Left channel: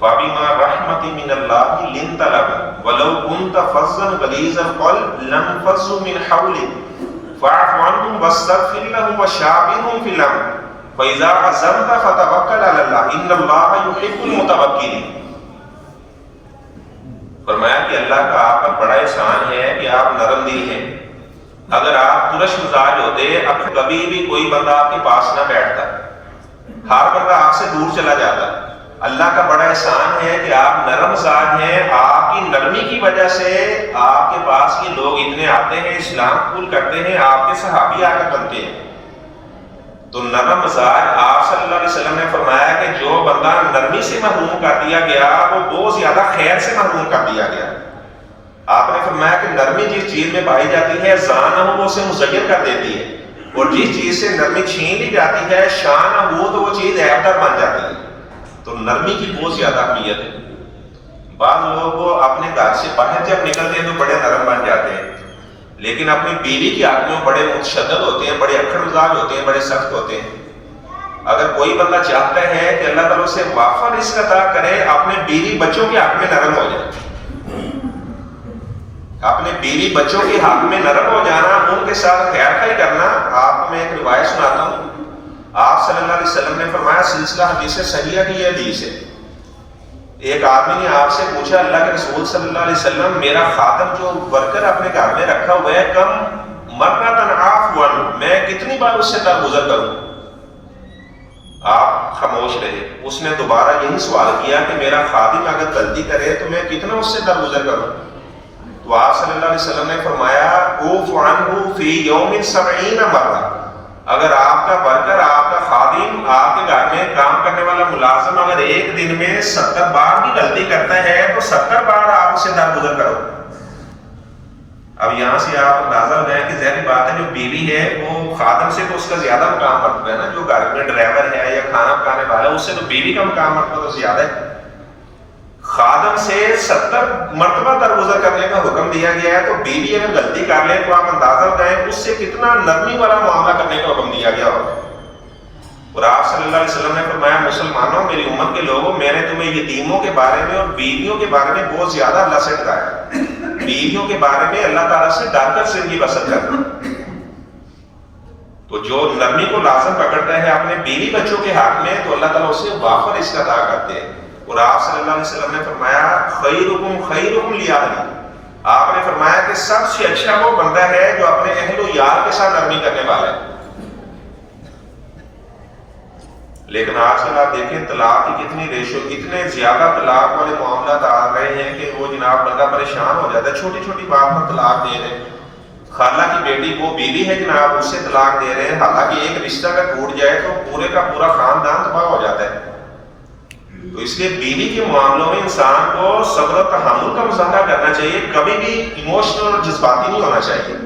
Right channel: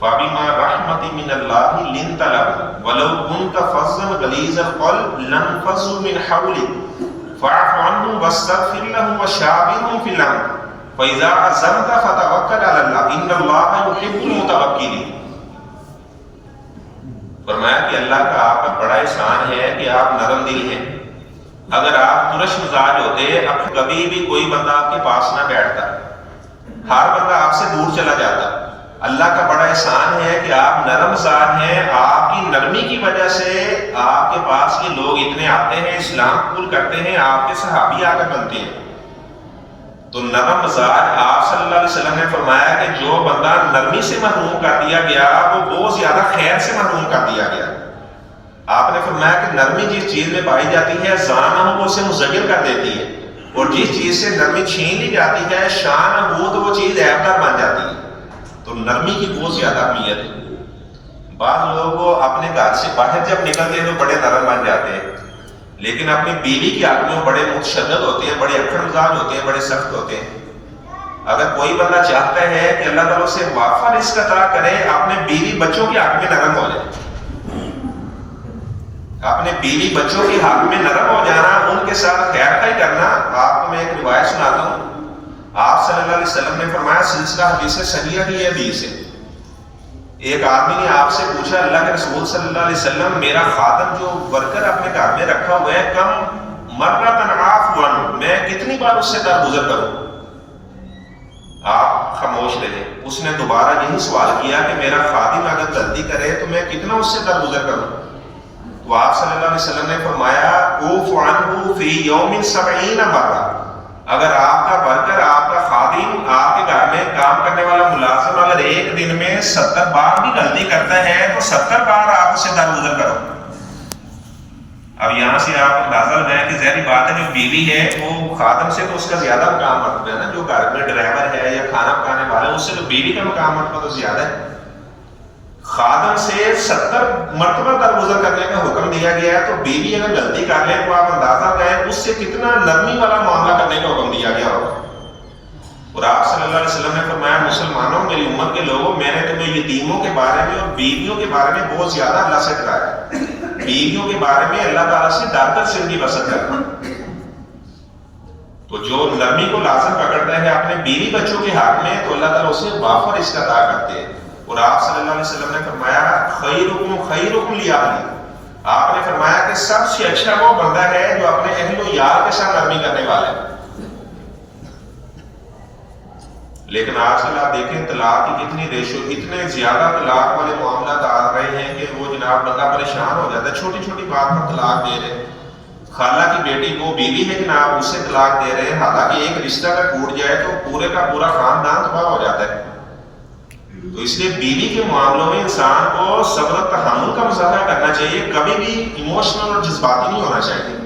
فَبِمَا رَحْمَةٍ مِّنَ اللَّهِ لِنْتَ لَهُمْ وَلَوْ كُنْتَ فَظًّا غَلِيظَ الْقَلْبِ لَانفَضُّوا مِنْ حَوْلِكَ فَاعْفُ عَنْهُمْ وَاسْتَغْفِرْ لَهُمْ وَشَاوِرْهُم فِي الْأَمْرِ فَإِذَا عَزَمْتَ فَتَوَكَّلْ عَلَى اللَّهِ إِنَّ اللَّهَ يُحِبُّ الْمُتَوَكِّلِينَ۔ فرمایا کہ اللہ کا آپ پر بڑا احسان ہے کہ آپ نرم دل ہیں۔ اگر آپ ترش مزاج ہوتے اب کبھی بھی کوئی بندہ آپ کے پاس نہ بیٹھتا، ہر بندہ آپ سے دور چلا جاتا۔ اللہ کا بڑا احسان ہے کہ آپ نرم مزاج ہیں، آپ کی نرمی کی وجہ سے آپ کے پاس یہ لوگ اتنے آتے ہیں، اسلام قبول کرتے ہیں، آپ کے صحابی آ کر بنتے ہیں۔ تو نرم مزاج آپ صلی اللہ علیہ وسلم نے فرمایا کہ جو بندہ نرمی سے محروم کر دیا گیا وہ بہت زیادہ خیر سے محروم کر دیا گیا۔ آپ نے فرمایا کہ نرمی جس چیز میں پائی جاتی ہے زان ہو وہ اسے مزین کر دیتی ہے، اور جس چیز سے نرمی چھین لی جاتی ہے شان ہو تو وہ چیز عیبدار بن جاتی ہے۔ تو نرمی کی بہت زیادہ اہمیت ہے۔ بعض لوگ اپنے گھر سے باہر جب نکلتے ہیں تو بڑے نرم بن جاتے ہیں، لیکن اپنی بیوی کے حق میں بڑے متشدد ہوتے ہیں، بڑے اکڑ مزاج ہوتے ہیں، بڑے سخت ہوتے ہیں۔ اگر کوئی بندہ چاہتا ہے کہ اللہ تعالیٰ سے وافر رزق عطا کرے، اپنے بیوی بچوں کے حق میں نرم ہو جائے، اپنے بیوی بچوں کے حق میں نرم ہو جانا، ان کے ساتھ خیر خواہی کرنا۔ آپ کو میں ایک روایت سناتا ہوں۔ آپ صلی اللہ علیہ وسلم نے فرمایا، سلسلہ حدیث صحیحہ کی حدیث ہے، ایک آدمی نے آپ سے پوچھا اللہ کے رسول صلی اللہ علیہ وسلم میرا خادم جو ورکر اپنے گھر میں رکھا ہوا ہے کم مرتن عفوا میں کتنی بار اس سے درگزر کروں؟ آپ خاموش رہے۔ اس نے دوبارہ یہی سوال کیا کہ میرا خادم اگر غلطی کرے تو میں کتنا اس سے درگزر کروں؟ تو آپ صلی اللہ علیہ وسلم نے فرمایا اوف عنہ فی یوم 70 مرہ، اگر آپ کا ورکر، آپ کا خادم، آپ کے گھر میں کام کرنے والا ملازم اگر ایک دن میں 70 بار بھی غلطی کرتا ہے تو 70 بار آپ اسے درگزر کرو۔ اب یہاں سے آپ اندازہ لگائیں کہ ظاہری بات ہے جو بیوی ہے وہ خادم سے تو اس کا زیادہ مقام مرتبہ ہے نا، جو گھر میں ڈرائیور ہے یا کھانا پکانے والا ہے اس سے تو بیوی کا مقام مرتبہ تو زیادہ ہے۔ خادم سے 70 مرتبہ درگزر کرنے کا حکم دیا گیا ہے، تو بیوی اگر غلطی کر لیں تو آپ اندازہ لگائیں اس سے کتنا نرمی والا معاملہ کرنے کا حکم دیا گیا ہوگا۔ اور آپ صلی اللہ علیہ وسلم نے فرمایا مسلمانوں میری امت کے لوگوں میں نے تمہیں یتیموں کے بارے میں اور بیویوں کے بارے میں بہت زیادہ اللہ سے ڈرایا ہے۔ بیویوں کے بارے میں اللہ تعالیٰ سے ڈر کر زندگی بسر کرنا۔ تو جو نرمی کو لازم پکڑتا ہے اپنے بیوی بچوں کے حق میں تو اللہ تعالیٰ اسے وافر رزق عطا کرتے ہیں۔ اور آپ صلی اللہ علیہ وسلم نے فرمایا خیرکم خیرکم لأہلہ، آپ نے فرمایا کہ سب سے اچھا وہ بندہ ہے جو اپنے اہل و عیال کے ساتھ نرمی کرنے والا ہے۔ لیکن آج کل آپ دیکھیں طلاق کی کتنی ریشو، اتنے زیادہ طلاق والے معاملات آ رہے ہیں کہ وہ جناب بندہ پریشان ہو جاتا ہے، چھوٹی چھوٹی بات پر طلاق دے رہے ہیں۔ خالہ کی بیٹی کو بیوی ہے جناب اس سے طلاق دے رہے ہیں، حالانکہ ایک رشتہ اگر ٹوٹ جائے تو پورے کا پورا خاندان تباہ ہو جاتا ہے۔ تو اس لیے بیوی کے معاملوں میں انسان کو صبر و تحمل کا مظاہرہ کرنا چاہیے، کبھی بھی ایموشنل اور جذباتی نہیں ہونا چاہیے۔